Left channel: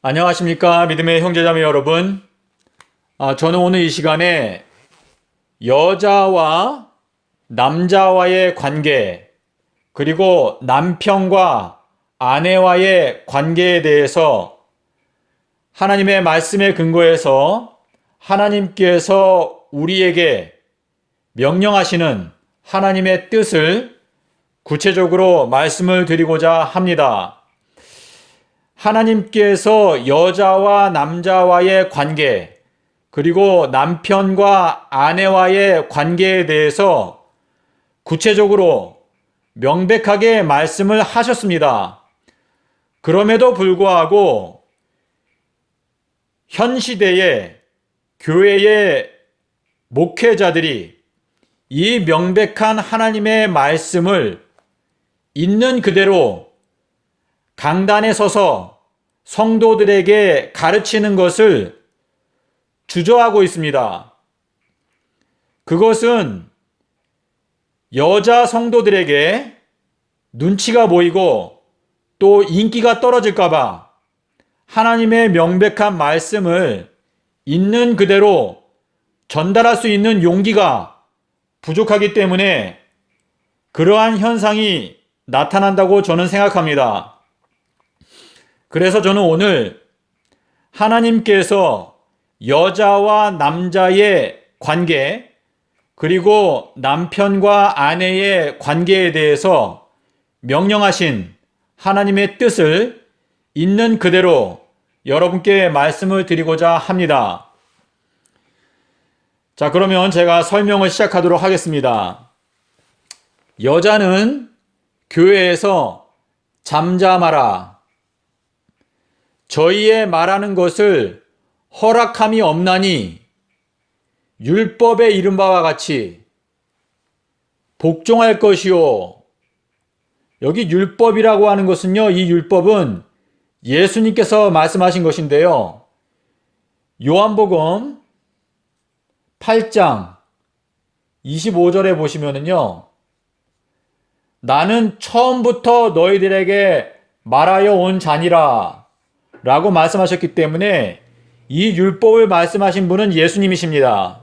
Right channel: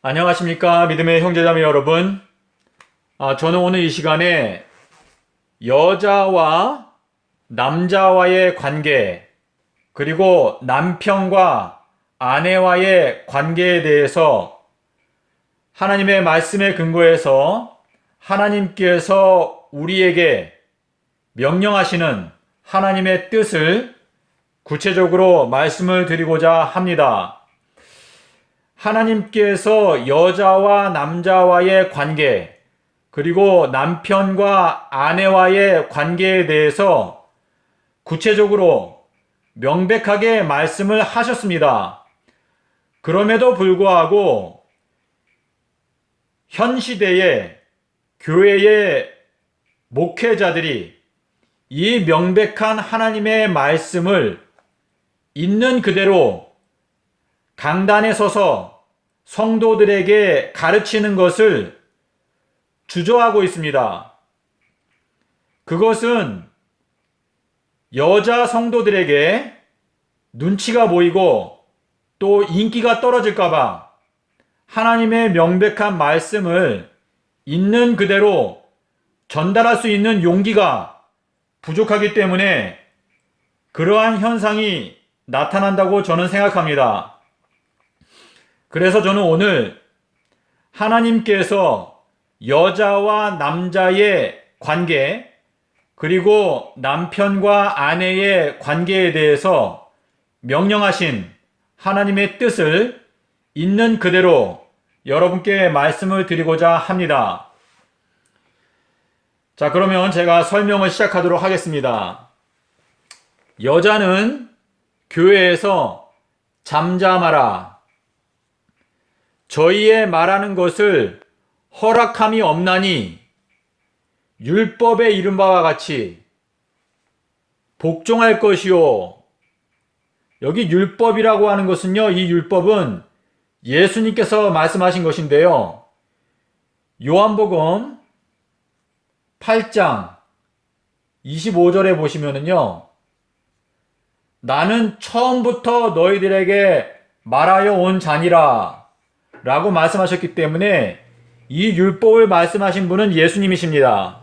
안녕하십니까 믿음의 형제자매 여러분. 저는 오늘 이 시간에 여자와 남자와의 관계, 그리고 남편과 아내와의 관계에 대해서 하나님의 말씀에 근거해서 하나님께서 우리에게 명령하시는 하나님의 뜻을 구체적으로 말씀을 드리고자 합니다. 하나님께서 여자와 남자와의 관계, 그리고 남편과 아내와의 관계에 대해서 구체적으로 명백하게 말씀을 하셨습니다. 그럼에도 불구하고 현 시대의 교회의 목회자들이 이 명백한 하나님의 말씀을 있는 그대로 강단에 서서 성도들에게 가르치는 것을 주저하고 있습니다. 그것은 여자 성도들에게 눈치가 보이고 또 인기가 떨어질까봐 하나님의 명백한 말씀을 있는 그대로 전달할 수 있는 용기가 부족하기 때문에 그러한 현상이 나타난다고 저는 생각합니다. 그래서 저는 오늘 하나님께서 여자와 남자의 관계, 그리고 남편과 아내의 관계에 대해서 명령하신 하나님의 뜻을 있는 그대로 여러분께 말씀을 드리고자 합니다. 자, 그러면 제가 설명을 시작하도록 하겠습니다. 여자는 교회에서 잠잠하라. 저희의 말하는 것을 허락함이 없나니 율법에 이른 바와 같이 복종할 것이요. 여기 율법이라고 하는 것은요, 이 율법은 예수님께서 말씀하신 것인데요. 요한복음 8장 25절에 보시면은요, 나는 처음부터 너희들에게 말하여 온 자니라 라고 말씀하셨기 때문에 이 율법을 말씀하신 분은 예수님이십니다.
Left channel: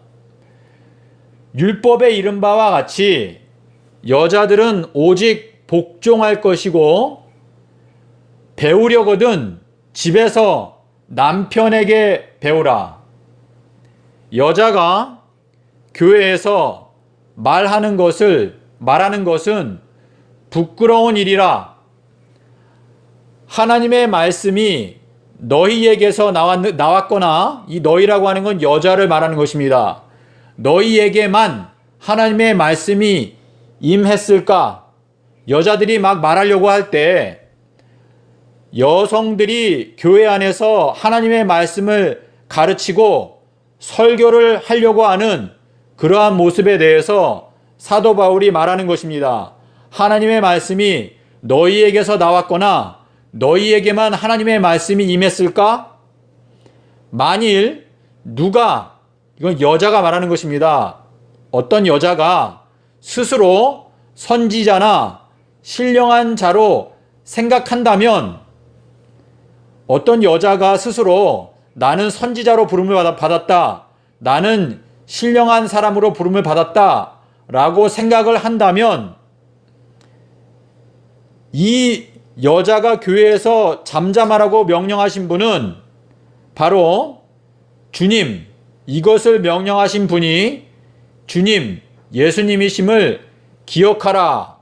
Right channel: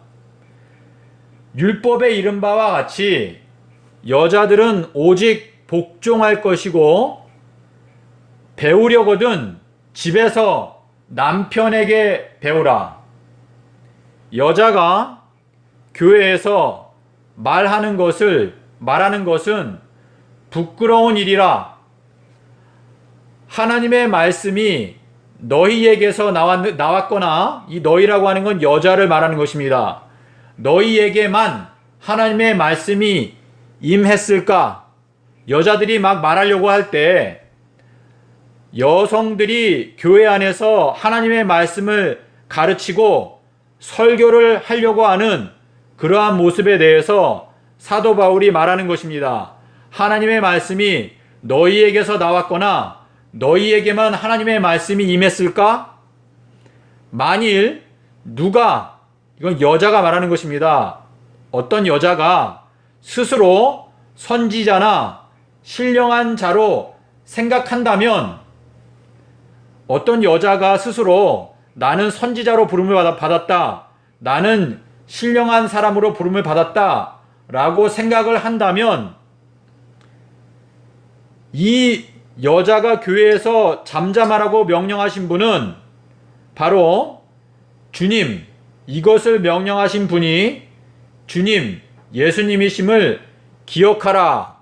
율법에 이른 바와 같이 여자들은 오직 복종할 것이고, 배우려거든 집에서 남편에게 배우라. 여자가 교회에서 말하는 것은 부끄러운 일이라. 하나님의 말씀이 너희에게서 나왔거나, 이 너희라고 하는 건 여자를 말하는 것입니다. 너희에게만 하나님의 말씀이 임했을까? 여자들이 막 말하려고 할 때 여성들이 교회 안에서 하나님의 말씀을 가르치고 설교를 하려고 하는 그러한 모습에 대해서 사도 바울이 말하는 것입니다. 하나님의 말씀이 너희에게서 나왔거나 너희에게만 하나님의 말씀이 임했을까? 만일 이건 여자가 말하는 것입니다. 어떤 여자가 스스로 선지자나 신령한 자로 생각한다면, 어떤 여자가 스스로 나는 선지자로 부름을 받았다, 나는 신령한 사람으로 부름을 받았다 라고 생각을 한다면, 이 여자가 교회에서 잠잠하라고 명령하신 분은 바로 주님, 이것을 명령하신 분이 주님, 예수님이심을 기억하라.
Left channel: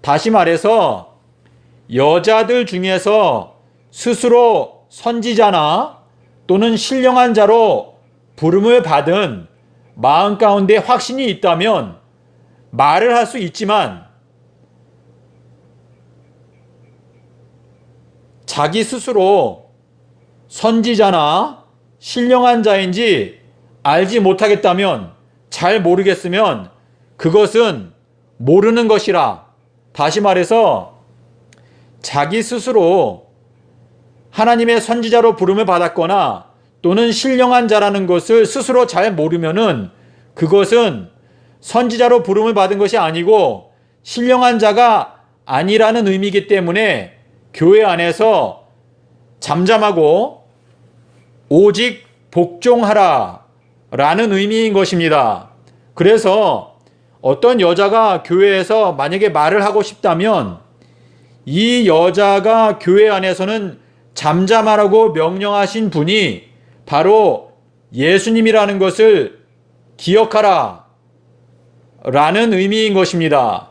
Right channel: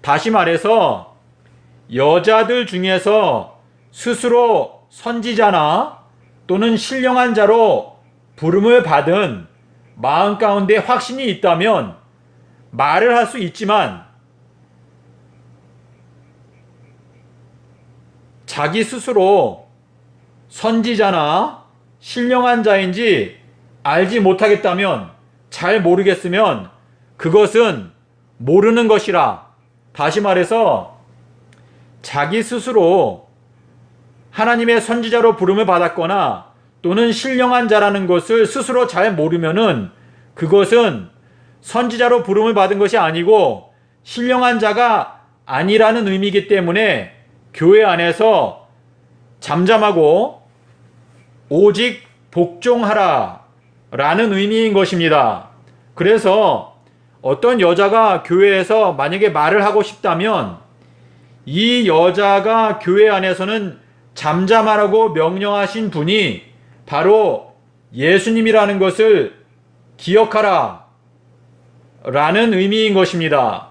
다시 말해서 여자들 중에서 스스로 선지자나 또는 신령한 자로 부름을 받은 마음 가운데 확신이 있다면 말을 할 수 있지만, 자기 스스로 선지자나 신령한 자인지 알지 못하겠다면, 잘 모르겠으면 그것은 모르는 것이라. 다시 말해서 자기 스스로 하나님의 선지자로 부름을 받았거나 또는 신령한 자라는 것을 스스로 잘 모르면은 그것은 선지자로 부름을 받은 것이 아니고 신령한 자가 아니라는 의미이기 때문에 교회 안에서 잠잠하고 오직 복종하라 라는 의미인 것입니다. 그래서 어떤 여자가 교회에서 만약에 말을 하고 싶다면 이 여자가 교회 안에서는 잠잠하라고 명령하신 분이 바로 예수님이라는 것을 기억하라 라는 의미인 것입니다.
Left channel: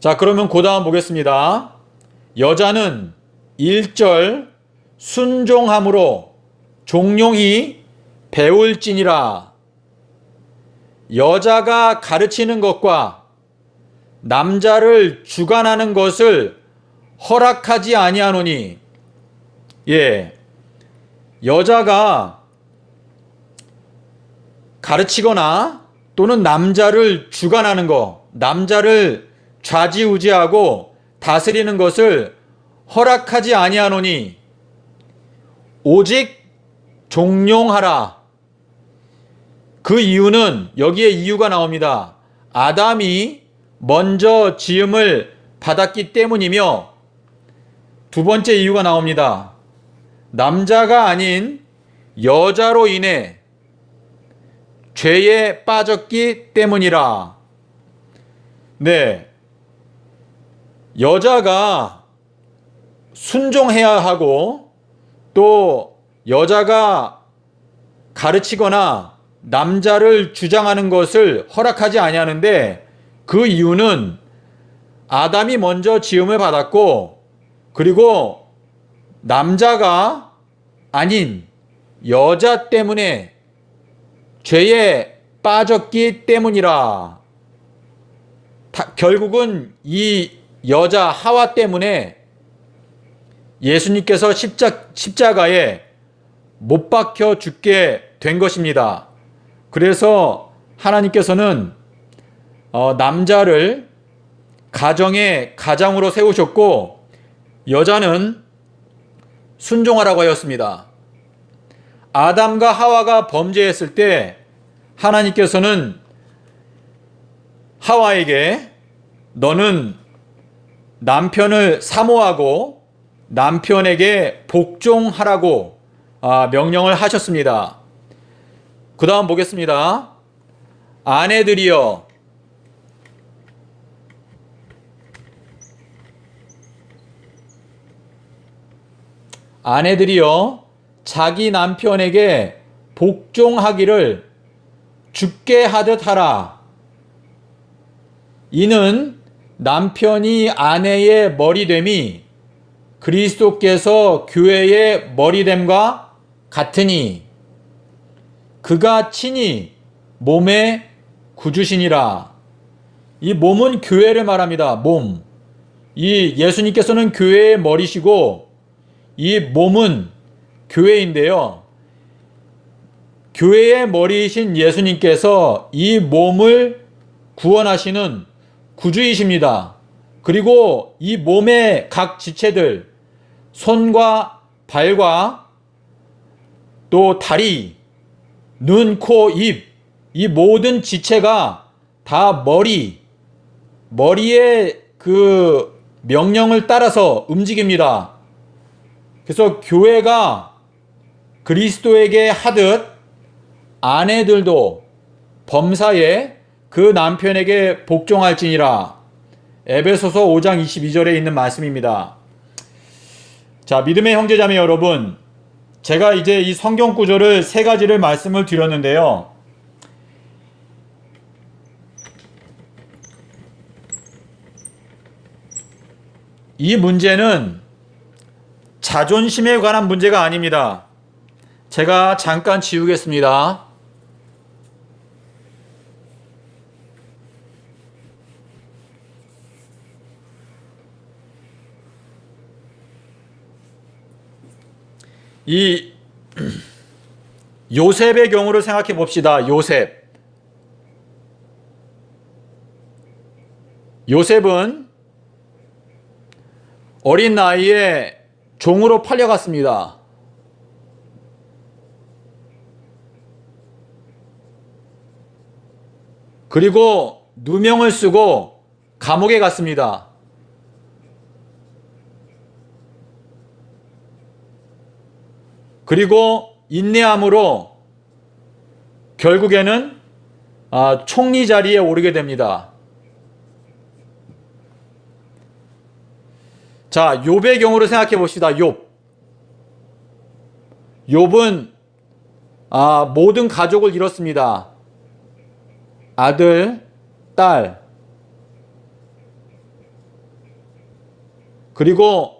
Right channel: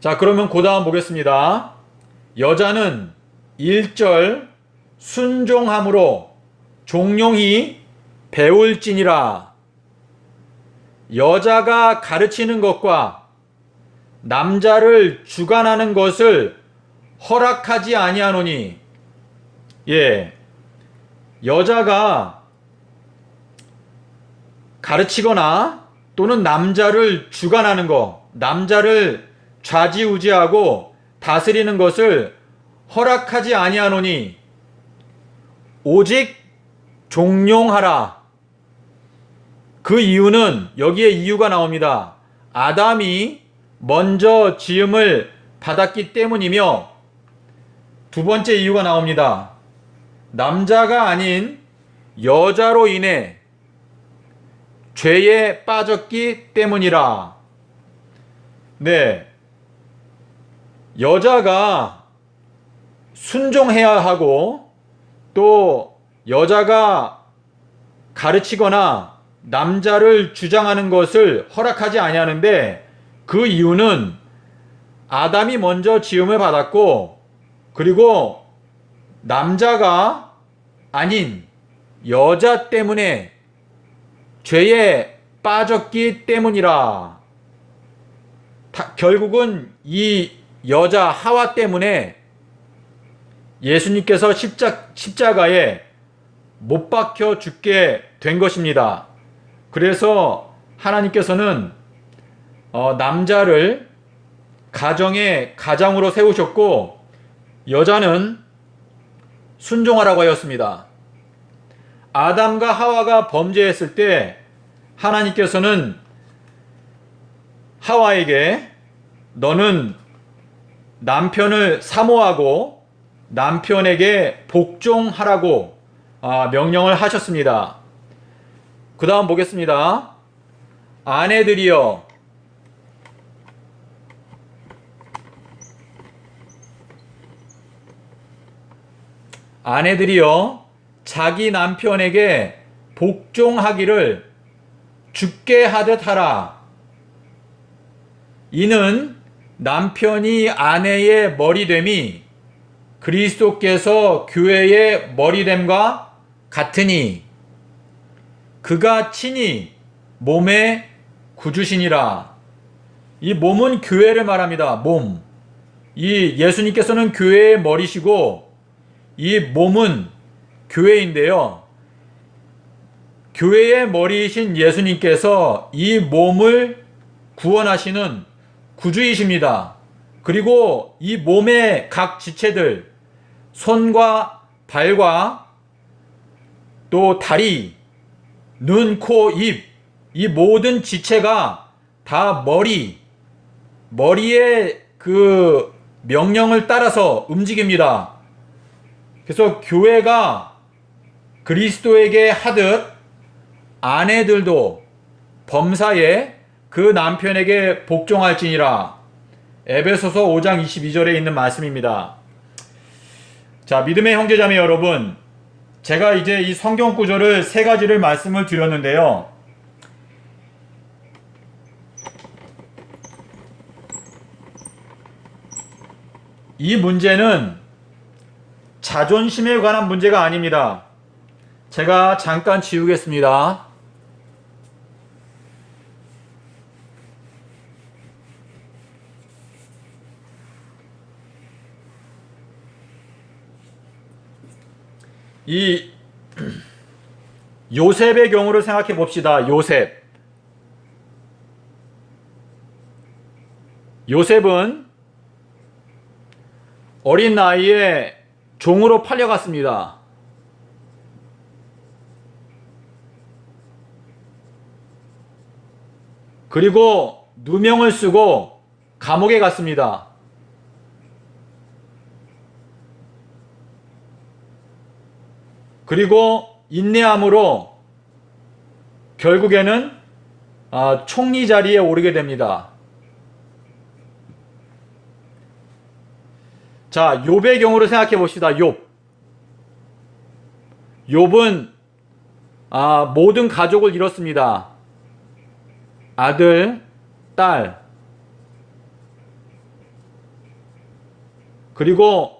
자, 그러면 그 다음 보겠습니다. 여자는 1절 순종함으로 종용히 배울지니라. 여자가 가르치는 것과 남자를 주관하는 것을 허락하지 아니하노니. 여자가 가르치거나 또는 남자를 주관하는 것, 남자를 좌지우지하고 다스리는 것을 허락하지 아니하노니 오직 종용하라. 그 이유는 여기에 이유가 나옵니다. 아담이 먼저 지음을 받았기 때문이며, 두 번째 이유가 나옵니다. 남자가 아닌 여자로 인해 죄에 빠졌기 때문이라. 여자가 순종해야 하고 또 여자가 가르치거나 남자를 주장하는 것을 허락하지 아니하는데, 그 이유는 아담이 먼저 지음을 받았고, 그리고 남자가 아닌 여자 때문에 죄에 빠졌기 때문이라. 결국은 이 여자 하와 때문에 예수님께서 십자가에 못 박혀 죽게 된 것입니다. 그래서 하나님께서는 남자를 가정의 가장으로 세우셨고 여자는 순종하라고 하였습니다. 아담과 하와가 범죄했을 때 하나님께서는 하와에게 너는 남편을 사모하고 남편에게 복종하라고 명령을 하셨습니다. 그 다음 보겠습니다. 아내들이여 자기 남편에게 복종하기를 죽게 하듯 하라. 이는 남편이 아내의 머리됨이 그리스도께서 교회의 머리됨과 같으니 그가 친히 몸의 구주시니라. 이 몸은 교회를 말합니다. 몸. 이 예수님께서는 교회의 머리시고 이 몸은 교회인데요. 교회의 머리이신 예수님께서 이 몸을 구원하시는 구주이십니다. 그리고 이 몸의 각 지체들, 손과 발과 또 다리, 눈, 코, 입, 이 모든 지체가 다 머리의 그 명령을 따라서 움직입니다. 그래서 교회가 그리스도에게 하듯 아내들도 범사에 그 남편에게 복종할지니라. 에베소서 5장 22절에 있는 말씀입니다. 자, 믿음의 형제자매 여러분, 제가 이제 이 성경 구절을 세 가지를 말씀을 드렸는데요. 이 문제는 자존심에 관한 문제가 아닙니다. 제가 잠깐 지우겠습니다. 이 요셉의 경우를 생각해 봅시다. 요셉은 어린 나이에 종으로 팔려갔습니다. 그리고 누명을 쓰고 감옥에 갔습니다. 그리고 인내함으로 결국에는 총리 자리에 오르게 됩니다. 자, 욥의 경우를 생각해 봅시다. 욥은 모든 가족을 잃었습니다. 아들, 딸, 그리고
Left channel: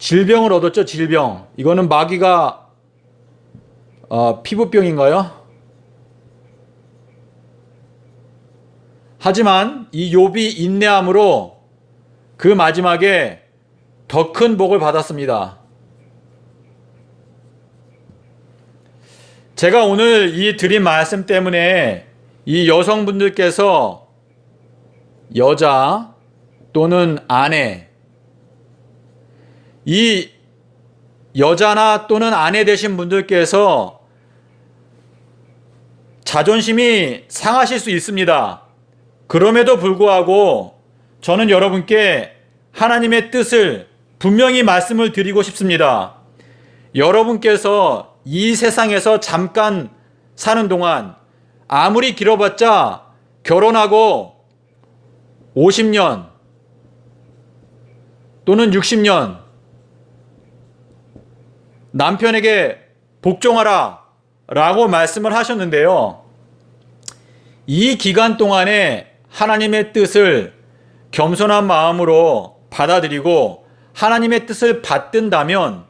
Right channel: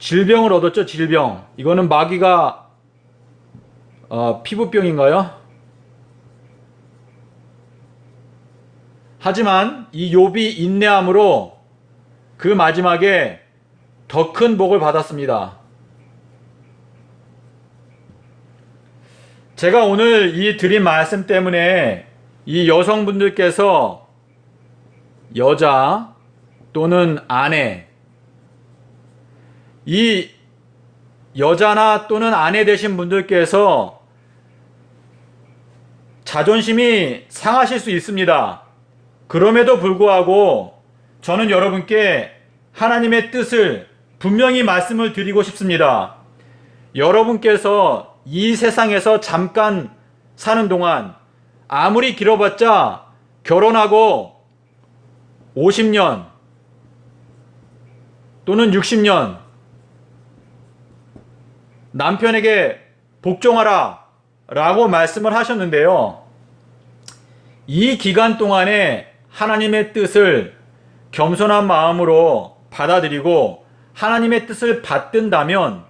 질병을 얻었죠. 질병. 이거는 마귀가 피부병인가요? 하지만 이 욥이 인내함으로 그 마지막에 더 큰 복을 받았습니다. 제가 오늘 이 드린 말씀 때문에 이 여성분들께서 여자 또는 아내, 이 여자나 또는 아내 되신 분들께서 자존심이 상하실 수 있습니다. 그럼에도 불구하고 저는 여러분께 하나님의 뜻을 분명히 말씀을 드리고 싶습니다. 여러분께서 이 세상에서 잠깐 사는 동안 아무리 길어봤자 결혼하고 50년 또는 60년 남편에게 복종하라 라고 말씀을 하셨는데요. 이 기간 동안에 하나님의 뜻을 겸손한 마음으로 받아들이고 하나님의 뜻을 받든다면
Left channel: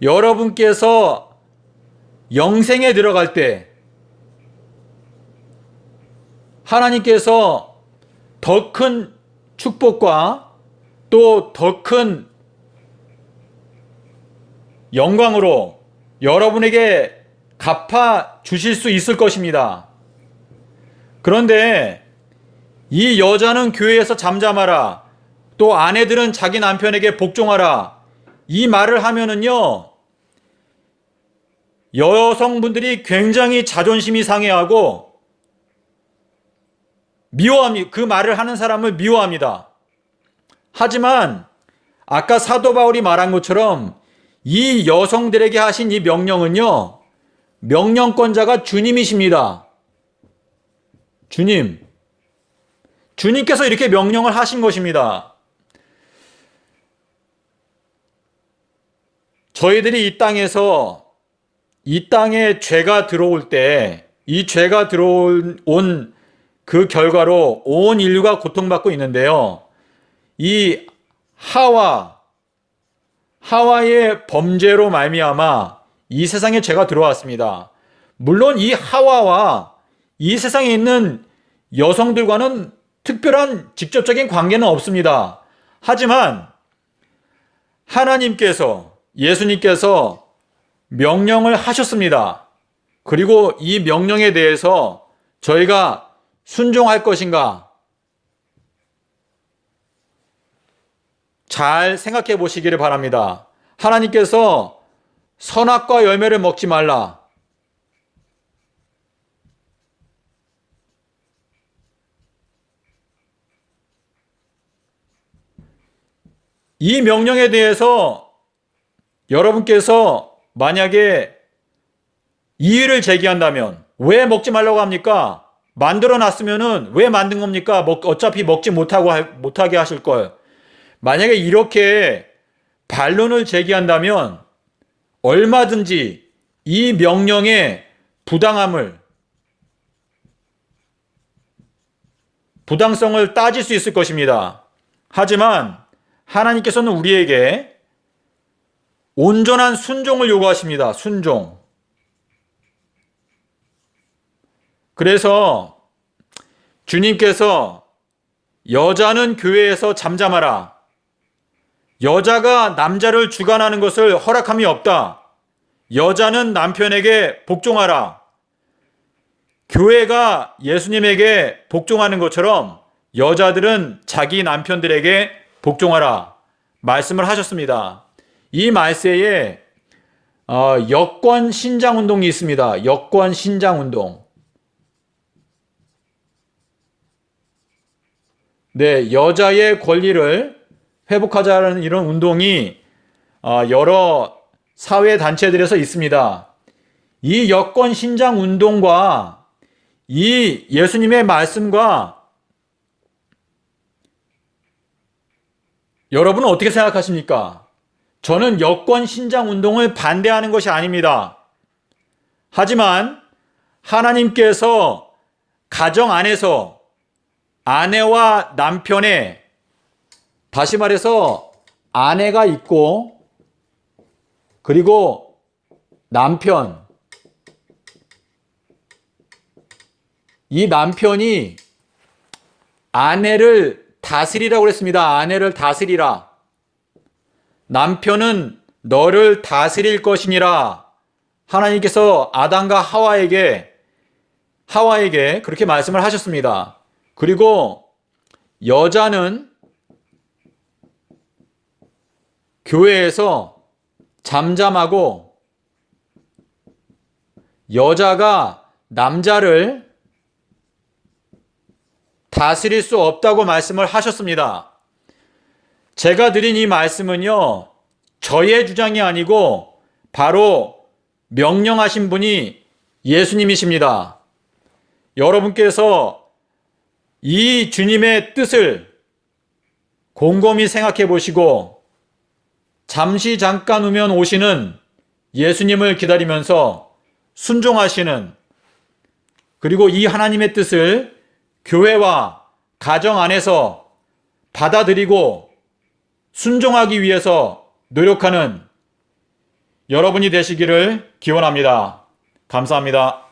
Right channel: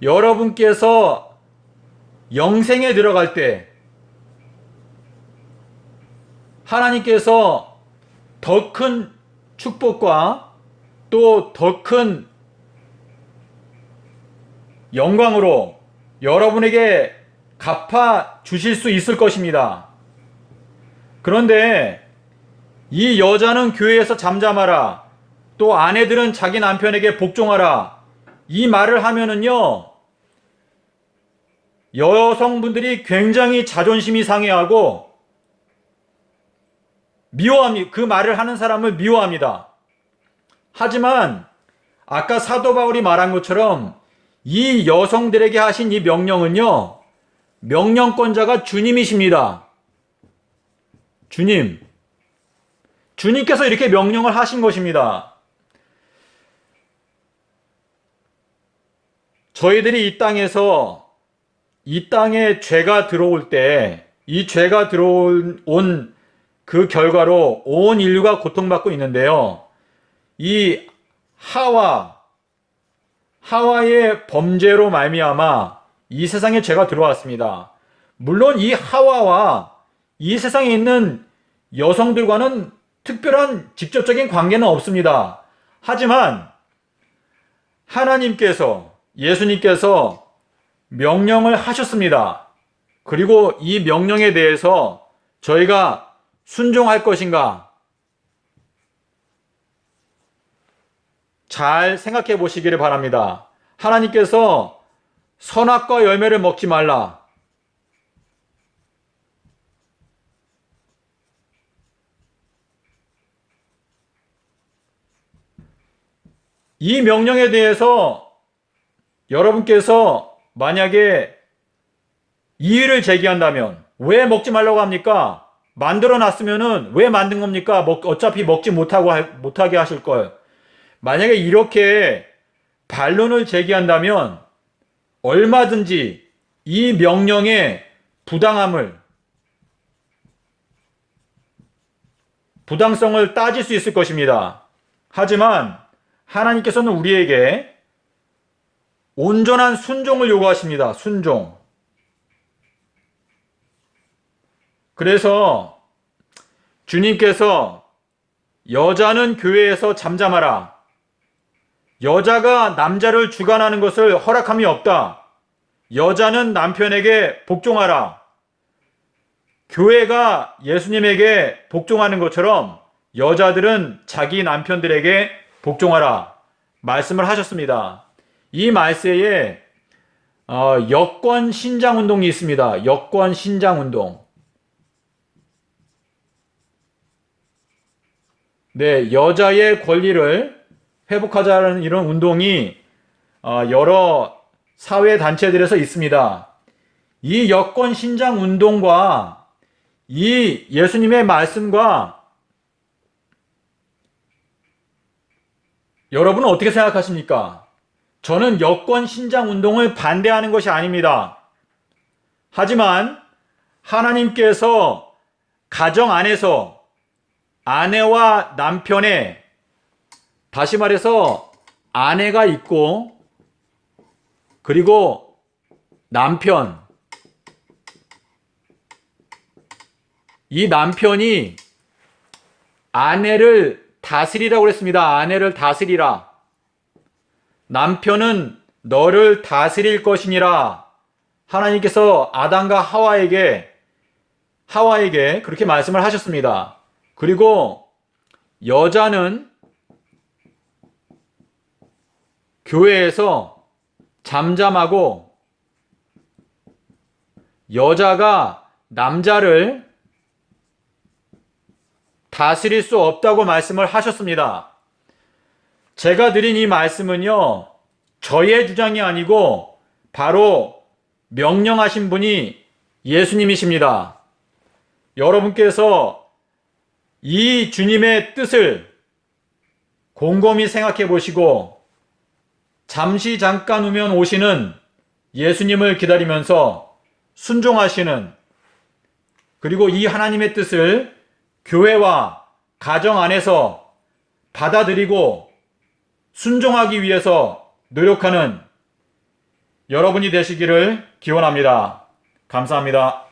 여러분께서 영생에 들어갈 때 하나님께서 더 큰 축복과 또 더 큰 영광으로 여러분에게 갚아 주실 수 있을 것입니다. 그런데 이 여자는 교회에서 잠잠하라, 또 아내들은 자기 남편에게 복종하라, 이 말을 하면은요, 여성분들이 굉장히 자존심이 상해하고 미워합니다. 그 말을 하는 사람을 미워합니다. 하지만 아까 사도 바울이 말한 것처럼 이 여성들에게 하신 이 명령은요, 명령권자가 주님이십니다. 주님께서 이렇게 명령을 하신 것입니다. 저희들이 이 땅에 죄가 들어올 때, 이 죄가 들어온 그 결과로 온 인류가 고통받고 있는데요. 이 하와의 범죄로 말미암아 이 세상에 죄가 들어왔습니다. 물론 이 하와와 이 세상에 있는 여성들과는 특별한 직접적인 관계는 없습니다. 하지만 하나님께서, 예수님께서 명령을 하셨습니다. 그리고 이 명령에 대해서 저희가 순종할 것인가? 잘 생각해 보시기를 바랍니다. 하나님께서 선악과 열매를 먹지 말라. 이 명령에 대해서 여러분께서 만약에 이의를 제기한다면 왜 먹지 말라고 합니까? 만들어 놨으면은 왜 만든 겁니까? 어차피 먹지 못하게 하실 걸. 만약에 이렇게 반론을 제기한다면 얼마든지 이 명령의 부당성을 따질 수 있을 것입니다. 하지만 하나님께서는 우리에게 온전한 순종을 요구하십니다. 순종. 그래서 주님께서 여자는 교회에서 잠잠하라, 여자가 남자를 주관하는 것을 허락함이 없다, 여자는 남편에게 복종하라, 교회가 예수님에게 복종하는 것처럼 여자들은 자기 남편들에게 복종하라 말씀을 하셨습니다. 이 말세에 여권 신장 운동이 있습니다. 여권 신장 운동. 네, 여자의 권리를 회복하자는 이런 운동이 여러 사회 단체들에서 있습니다. 이 여권 신장 운동과 이 예수님의 말씀과 여러분은 어떻게 생각하십니까? 저는 여권 신장 운동을 반대하는 것이 아닙니다. 하지만 하나님께서 가정 안에서 아내와 남편의, 다시 말해서 아내가 있고 그리고 남편, 이 남편이 아내를 다스리라고 그랬습니다. 아내를 다스리라. 남편은 너를 다스릴 것이니라. 하나님께서 아담과 하와에게 그렇게 말씀을 하셨습니다. 그리고 여자는 교회에서 잠잠하고 여자가 남자를 다스릴 수 없다고 말씀을 하셨습니다. 제가 드린 이 말씀은요, 저의 주장이 아니고 바로 명령하신 분이 예수님이십니다. 여러분께서 이 주님의 뜻을 곰곰이 생각해 보시고 잠시 잠깐 후면 오시는 예수님을 기다리면서 순종하시는, 그리고 이 하나님의 뜻을 교회와 가정 안에서 받아들이고 순종하기 위해서 노력하는 여러분이 되시기를 기원합니다. 감사합니다.